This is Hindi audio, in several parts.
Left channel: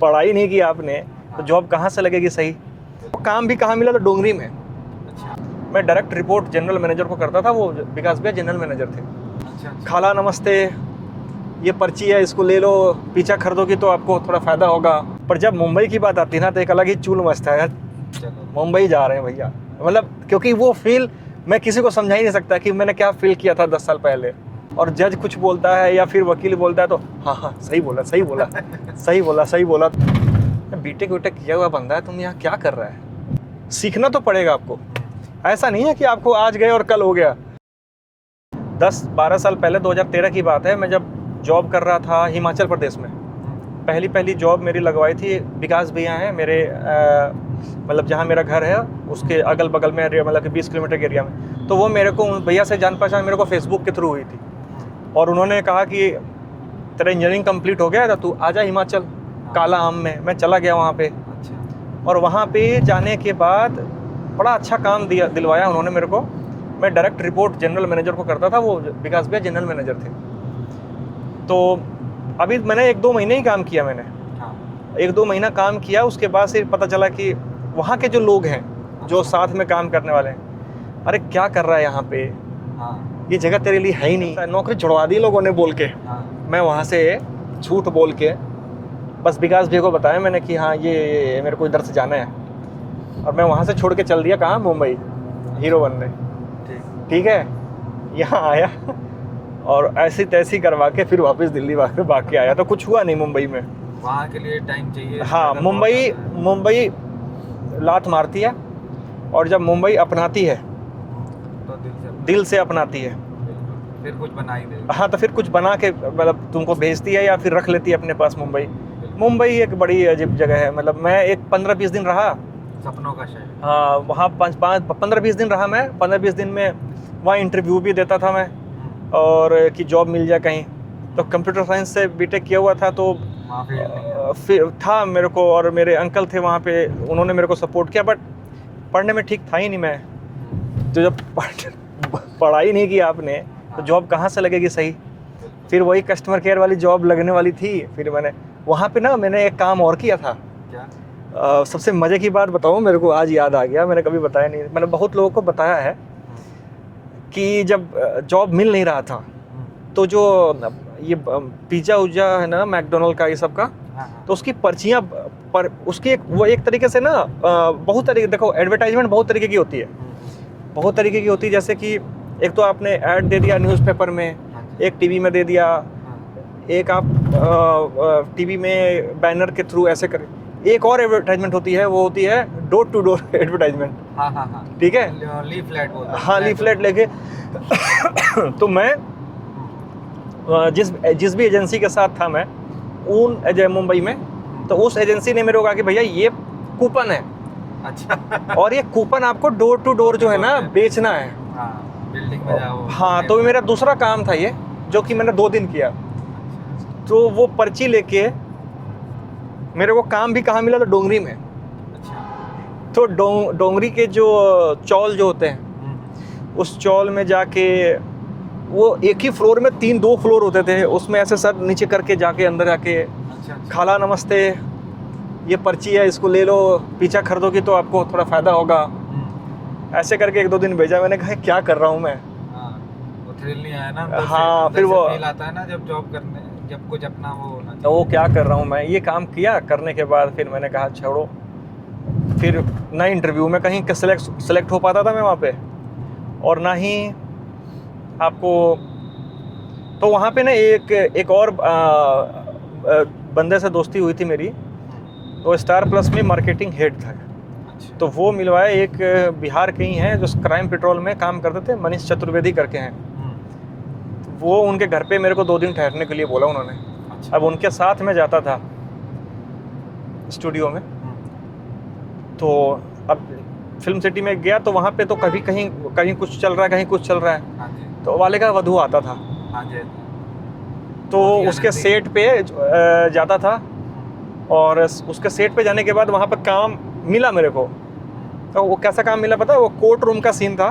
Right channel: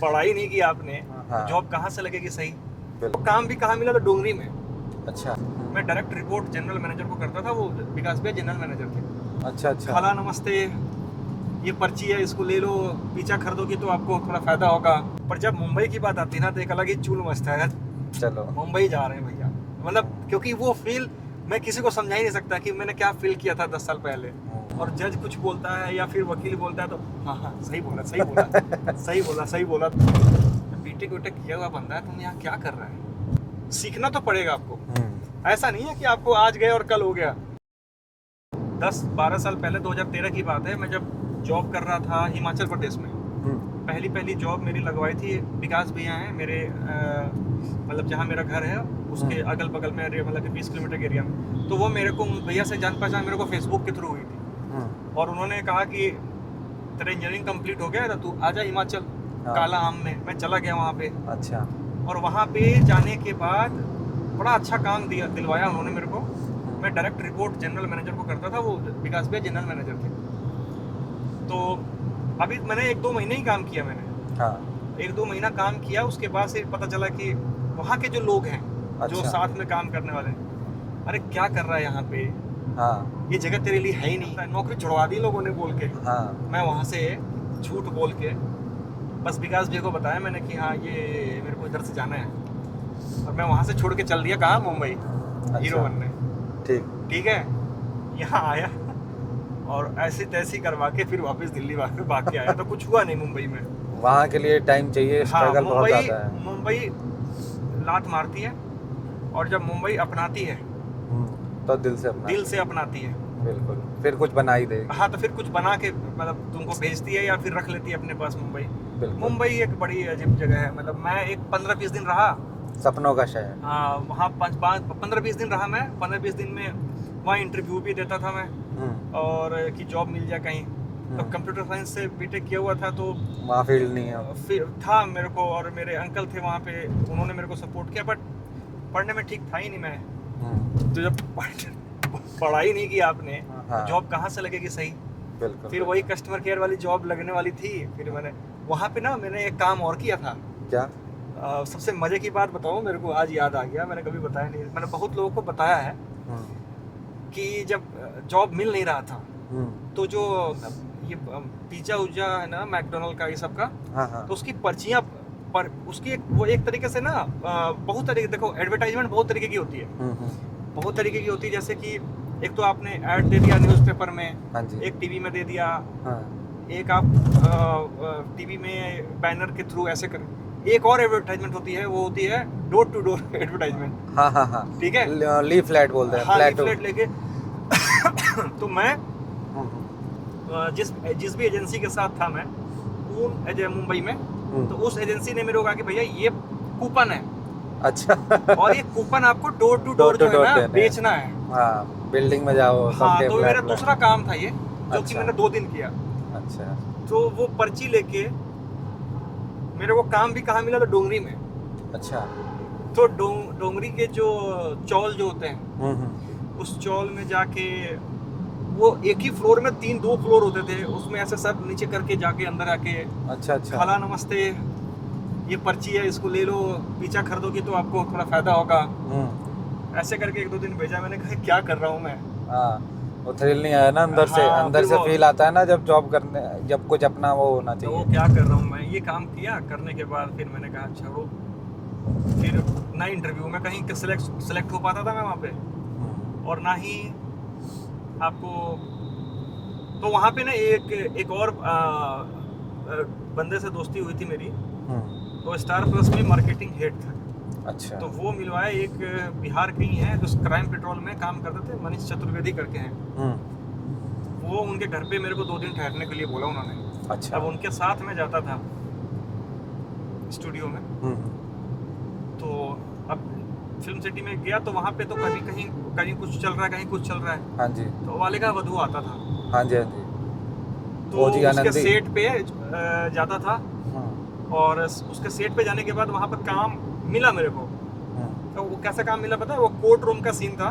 पढ़ाई नहीं की आपने तो जॉब कहाँ से लगेगी सही? काम भी कहाँ मिला? तो डोंगरी में। अच्छा मैं डायरेक्ट रिपोर्ट जनरल मैनेजर को करता था, वो विकास भैया जनरल मैनेजर थे। अच्छा अच्छा। खाला नमस्ते, ये पर्ची है, इसको ले लो, पीछा खरीदोगी तो आपको थोड़ा फायदा होगा। पर जब मुंबई की बात आती है ना तो एक अलग ही चूल मचता है। चलो मुंबई जा रहे हैं भैया, मतलब क्योंकि वो फील मैं किसी को समझा ही नहीं सकता कि मैंने क्या फील किया था 10 साल पहले। और जज कुछ बोलता है या फिर वकील बोलता है तो हाँ हाँ सही बोला सही बोला सही बोला सही बोला। बीटेक वीटेक किया हुआ बंदा है, तुम यहाँ क्या कर रहा है? सीखना तो पड़ेगा आपको। ऐसा नहीं है कि आपको आज गए और कल हो गया। 10-12 साल पहले 2013 की बात है, मैं जब जॉब कर रहा था हिमाचल प्रदेश में। पहली जॉब मेरी लगवाई थी, विकास भैया हैं मेरे, मतलब जहाँ मेरा घर है उसके अगल बगल में, मतलब कि 20 किलोमीटर के एरिया में। तो वो मेरे को भैया से जान पहचान मेरे को फेसबुक के थ्रू हुई थी। और उन्होंने कहा कि तेरा इंजीनियरिंग कंप्लीट हो गया है तो तू आजा हिमाचल काला आम में। मैं चला गया वहाँ पे। अच्छा। और वहाँ पे जाने के बाद बड़ा अच्छा काम दिलवाया उन्होंने मेरे को। मैं डायरेक्ट रिपोर्ट जनरल मैनेजर को करता था, वो विकास भैया जनरल मैनेजर थे। तो अभी मैंने 1-2 महीने ही काम किया मैंने। हाँ। 1-2 महीना काम किया, उसके बाद से पता चला कि वहाँ के जो लोग हैं, जो साथ में काम करने वाले हैं, अरे क्या कर रहा है यहाँ पे, हाँ। ये जगह तेरे लिए है ही नहीं। नौकरी छुड़वा दी लोगों ने बोल के। हाँ। मैं वहाँ से झूठ बोल के बस विकास भैया को बताया मैंने कि हाँ ये मेरे को इधर से जाना है, और मैं वहाँ से छोड़ के चल दिया कहाँ, मुंबई। हीरो बनने। ठीक है, यहाँ आया और ऐसी तैसी करवा के फिर वापस दिल्ली भाग के आया। तो कुछ हुआ नहीं मुंबई में। वहाँ के लिए टाइम चाहिए। हाँ, मुंबई लात मारती है, और जब मुंबई अपनाती है तो दिल से अपनाती है। बिल्कुल, फिर कुछ बना ही दे। हाँ, तो फिर कुछ बना के मतलब तुमको भेजती है या फिर रख लेती है अपने पास। मुंबई एक बड़ी अजीब जगह है। मतलब मैं एक 15-20 दिन रहा, सपनों का शहर। हाँ, वहाँ 15-20 दिन रहा मैं। 15-20 दिन में वहाँ इंटरव्यू भी देता था मैं, और कि जॉब मिल जाए कहीं। तो कंप्यूटर साइंस से बीटेक किया हुआ था, तो वहाँ फील्ड नहीं है। फिर था मेरे को, और मेरे अंकल थे वहाँ पे, उन्होंने मेरे को सपोर्ट किया। बट पढ़ने में ठीक था ही नहीं मैं। तो जब पढ़ाई नहीं की आपने तो जॉब कहाँ से लगेगी सही? फिर वही कस्टमर केयर वाली जॉब लगने वाली थी। फिर वहाँ पे मैंने एक काम और किया था। क्या? सबसे मजे की बात बताऊँ, मेरे को आज याद आ गया, मैंने कभी बताया नहीं। मैंने बहुत लोगों को बताया है कि जब जॉब मिल नहीं रहा था तो जो ये पिज्जा उज्जा है ना, मैकडोनल्ड का, ये सब का, तो उसकी पर्चियाँ पर उसकी वो एक तरीके से ना बहुत तरीके, देखो एडवर्टाइजमेंट बहुत तरीके की होती है। बहुत तरीके की होती है, जैसे कि एक तो आपने ऐड दे दिया न्यूज़पेपर में, एक टीवी में दे दिया, एक आप टीवी में बैनर के थ्रू ऐसे कर। एक और एडवर्टाइजमेंट होती है, वो होती है डोर टू डोर एडवर्टाइजमेंट। हाँ। ठीक है, लीफलेट बोलते हैं। हाँ, लीफलेट लेके तो मैं जिस भी एजेंसी के साथ था मैं मुंबई में, तो उस एजेंसी ने मेरे को कहा कि भैया ये कूपन है। अच्छा। और ये कूपन आपको डोर टू डोर जो है ना बेचना है। हाँ, बिल्डिंग में जाओ। हाँ, तो मेरा दूसरा काम था ये, जो कि मैंने 2 दिन किया। अच्छा। तो वो पर्ची लेके मेरे को काम भी कहाँ मिला? तो डोंगरी में। अच्छा। तो डोंगरी के जो चौल जो होते हैं, उस चौल में जाके, वो एक ही फ्लोर में 2 फ्लोर होते थे, उसमें ऐसे सर नीचे करके जाके अंदर जाके, अच्छा। खाला नमस्ते, ये पर्ची है, इसको ले लो, पीछा खरीदोगी तो आपको थोड़ा फायदा होगा। ऐसे करके 1-2 दिन भेजा। मैंने कहा क्या कर रहा हूँ मैं। वो थ्रिल नहीं आया ना अंदर से। हाँ, अंदर से फील आता है ना जब जॉब करने, जब कुछ अपना वो होना चाहिए। तो वो क्या कर रहा हूँ मैं, ये काम किया। करने के बाद फिर मैंने कहा छोड़ो। फिर ना इंटरव्यू में कहीं सेलेक्ट हो पाता था मैं वहाँ पे, और ना ही आपको। तो वहाँ पे ना एक और बंदे से दोस्ती हुई थी मेरी, तो स्टार प्लस में मार्केटिंग हेड था। अच्छा। तो वो मिलवाए, एक बिहार के ही हैं जो क्राइम पेट्रोल में काम करते थे, मनीष चतुर्वेदी करके हैं। वो उनके घर पे मेरे को 2 दिन ठहरने के लिए बोला उन्होंने। अच्छा। अब उनके साथ में जाता था स्टूडियो में। तो अब फिल्म सिटी में गया तो वहाँ पे तो कभी कहीं कुछ चल रहा है, कहीं कुछ चल रहा है। हाँ जी। तो वाले का वधू आता था। हाँ जी। तो उसके सेट पे जाता था, और उसके सेट पे जाने के बाद वहाँ पर काम मिला मेरे को। तो वो कैसा काम मिला पता है? वो कोर्ट रूम का सीन था,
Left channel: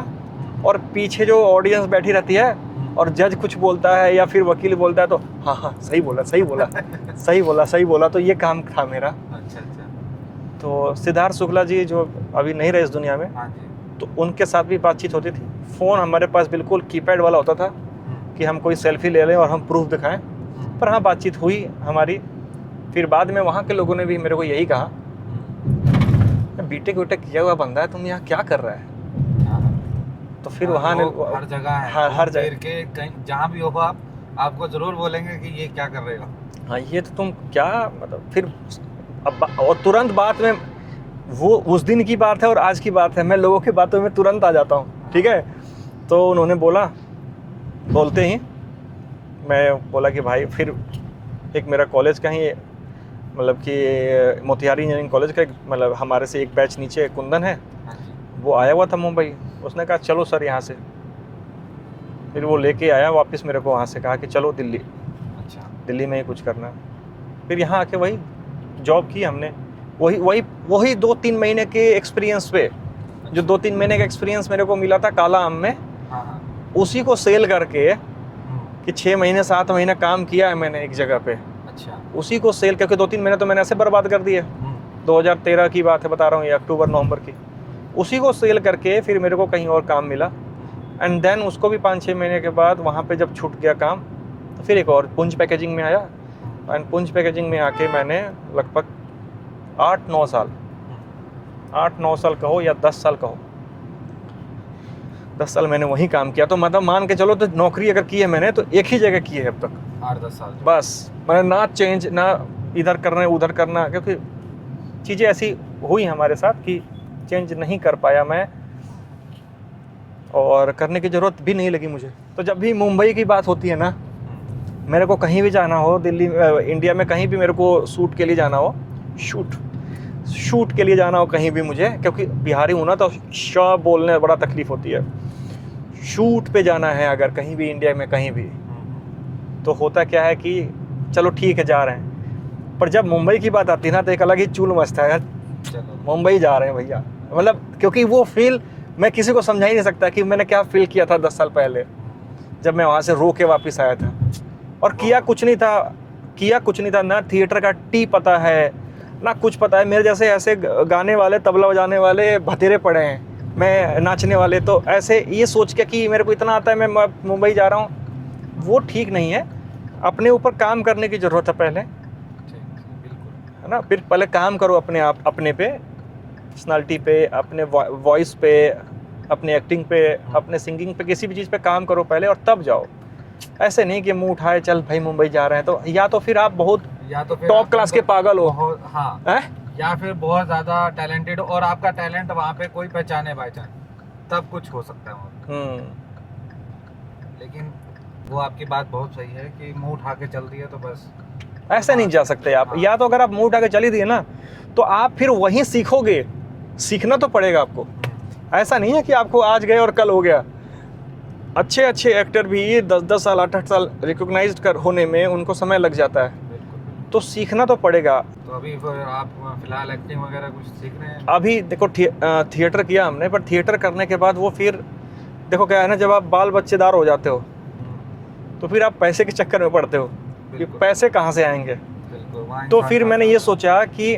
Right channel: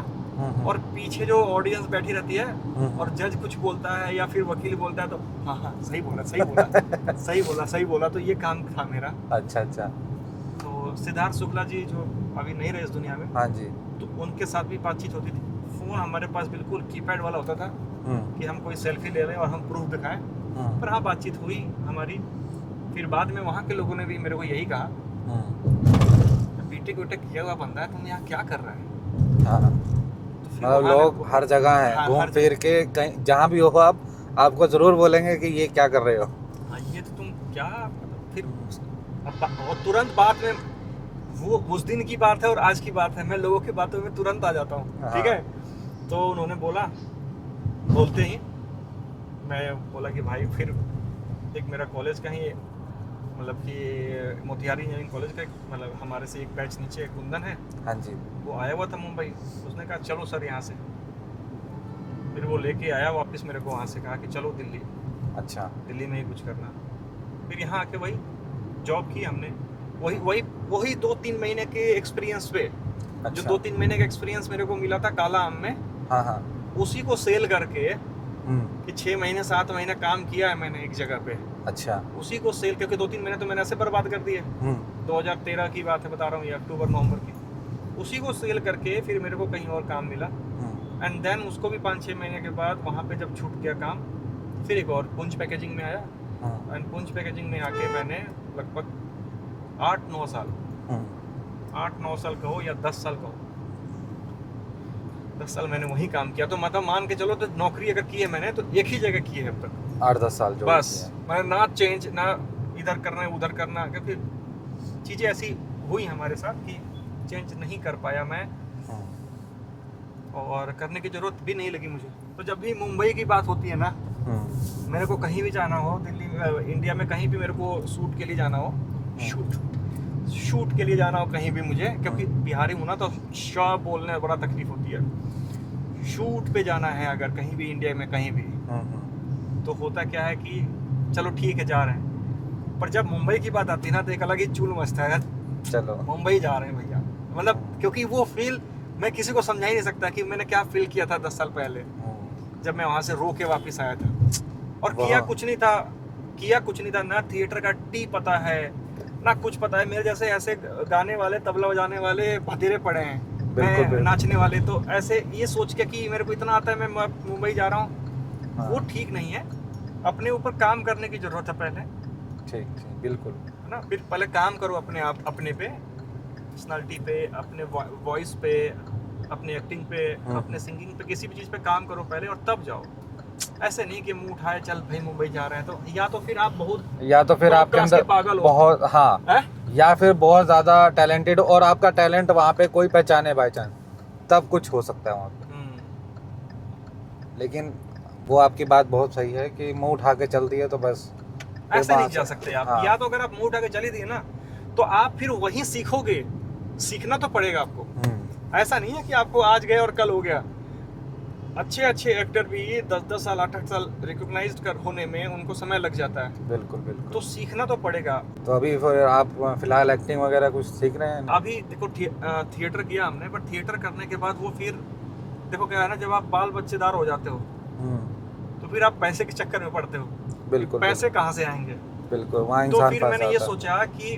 और पीछे जो ऑडियंस बैठी रहती है और जज कुछ बोलता है या फिर वकील बोलता है तो हाँ हाँ सही बोला सही बोला सही बोला सही बोला, तो ये काम था मेरा। अच्छा अच्छा। तो सिद्धार्थ शुक्ला जी जो अभी नहीं रहे इस दुनिया में, हाँ जी। तो उनके साथ भी बातचीत होती थी। फ़ोन हमारे पास बिल्कुल कीपैड वाला होता था कि हम कोई सेल्फी ले लें और हम प्रूफ दिखाएं, पर हाँ बातचीत हुई हमारी। फिर बाद में वहाँ के लोगों ने भी मेरे को यही कहा, बीटेक वीटेक किया हुआ बंदा है, तुम यहाँ क्या कर रहा है। हाँ। तो फिर हाँ, वहाँ लोग हर जगह है, हाँ, हर फिर के कहीं जहाँ भी हो आप, आपको जरूर बोलेंगे कि ये क्या कर रहे हो। हाँ ये तो तुम क्या, मतलब फिर अब और तुरंत बात में, वो उस दिन की बात है और आज की बात है, मैं लोगों की बातों में तुरंत आ जाता हूँ। ठीक है, तो उन्होंने बोला, बोलते ही मैं बोला कि भाई, फिर एक मेरा कॉलेज का ही, मतलब कि मोतिहारी इंजीनियरिंग कॉलेज का, मतलब हमारे से एक बैच नीचे कुंदन है, हाँ जी। वो आया हुआ था मुंबई। उसने कहा चलो सर यहाँ से, फिर वो लेके आया वापस मेरे को, वहाँ से कहा कि चलो दिल्ली। अच्छा। दिल्ली में ही कुछ करना। फिर यहाँ आके वही जॉब की हमने, वही 2-3 महीने के एक्सपीरियंस पे। अच्छा। जो 2-3 महीने का एक्सपीरियंस मेरे को मिला था काला आम में, हाँ हाँ। उसी को सेल करके कि 6 महीने 7 महीने काम किया है मैंने एक जगह पे, अच्छा। उसी को सेल करके 2-3 महीने तो मैंने ऐसे बर्बाद कर दिए। 2013 की बात है बता रहा हूँ, ये अक्टूबर नवंबर की। उसी को सेल करके फिर मेरे को कहीं और काम मिला, एंड देन उसको भी 5-6 महीने के बाद वहाँ पे जब छूट गया काम, तो फिर एक और पुंज पैकेजिंग में आया। एंड पुंज पैकेजिंग में आके मैंने लगभग 8-9 साल 8-9 साल कहो या 10 साल कहो, 10 साल मैंने वहीं काम किया। तो मतलब मान के चलो, तो नौकरी अगर की है मैंने तो एक ही जगह की है अब तक, 8-10 साल जो बस। मैंने ना चेंज, ना इधर करना उधर करना, क्योंकि चीज़ें ऐसी हुई हमारे साथ कि चेंज नहीं कर पाया मैं, और करने की ज़रूरत भी नहीं लगी मुझे। तो जब भी मुंबई की बात होती है ना, मेरे को कहीं भी जाना हो, दिल्ली इंडिया में कहीं भी मेरे को शूट के लिए जाना हो, शूट के लिए जाना हो कहीं भी मुझे, क्योंकि बिहारी हूँ ना तो श बोलने में बड़ा तकलीफ होती है। शूट पे जाना है अगर कहीं भी इंडिया में कहीं भी, तो होता क्या है कि चलो ठीक है जा रहे हैं, पर जब मुंबई की बात आती है ना तो एक अलग ही चूल मचता है, चलो मुंबई जा रहे हैं भैया। मतलब क्योंकि वो फील मैं किसी को समझा ही नहीं सकता कि मैंने क्या फील किया था 10 साल पहले, जब मैं वहाँ से रो के वापस आया था। और किया कुछ नहीं था, ना थिएटर का टी पता है ना कुछ पता है। मेरे जैसे ऐसे गाने वाले, तबला बजाने वाले भतेरे पड़े हैं, मैं नाचने वाले, तो ऐसे ये सोच के कि मेरे को इतना आता है मैं मुंबई जा रहा हूँ, वो ठीक नहीं है। अपने ऊपर काम करने की ज़रूरत है पहले, ठीक, बिल्कुल, है ना। फिर पहले काम करो अपने आप, अपने पे, पर्सनालिटी पे, अपने वॉइस पे, अपने एक्टिंग पे, अपने सिंगिंग पे, किसी भी चीज़ पे काम करो पहले और तब जाओ। ऐसे नहीं कि मुंह उठाए चल भाई मुंबई जा रहे हैं, तो या तो फिर आप बहुत टॉप क्लास के पागल हो, बहुत, हाँ, या फिर बहुत ज़्यादा टैलेंटेड और आपका टैलेंट वहाँ पे कोई पहचाने बाय चांस, तब कुछ हो सकता है वहाँ। लेकिन वो आपकी बात बहुत सही है कि मुंह उठा के चल दिए तो बस ऐसे नहीं जा सकते आप। या तो अगर आप मुंह उठा के चली दिए ना, तो आप फिर वहीं सीखोगे, सीखना तो पड़ेगा आपको। ऐसा नहीं है कि आपको आज गए और कल हो गया। अच्छे एक्टर भी 10-10 साल 8-8 साल रिकॉग्नाइज्ड कर होने में उनको समय लग जाता है। बिल्कुल, तो सीखना तो पड़ेगा। तो अभी फिर आप फिलहाल एक्टिंग वगैरह कुछ सीख रहे हैं? अभी देखो थिएटर किया हमने, पर थिएटर करने के बाद वो फिर देखो क्या है ना, जब आप बाल बच्चेदार हो जाते हो तो फिर आप पैसे के चक्कर में पड़ते हो। बिल्कुल, पैसे कहाँ से आएंगे? बिल्कुल। तो फिर मैंने ये सोचा कि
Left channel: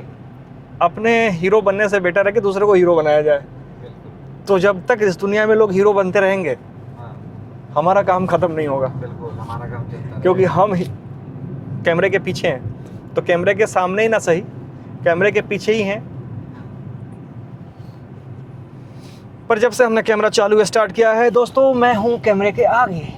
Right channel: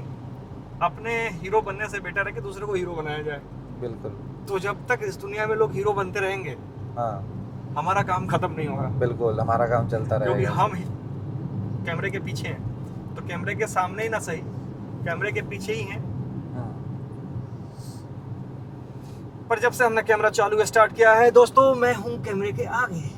अपने हीरो बनने से बेटर है कि दूसरे को हीरो बनाया जाए। बिल्कुल। तो जब तक इस दुनिया में लोग हीरो बनते रहेंगे, हमारा काम खत्म नहीं होगा। बिल्कुल, हमारा काम चलता रहेगा, क्योंकि हम कैमरे के पीछे हैं, तो कैमरे के सामने ही ना सही, कैमरे के पीछे ही हैं। पर जब से हमने कैमरा चालू स्टार्ट किया है दोस्तों, मैं हूं कैमरे के आगे।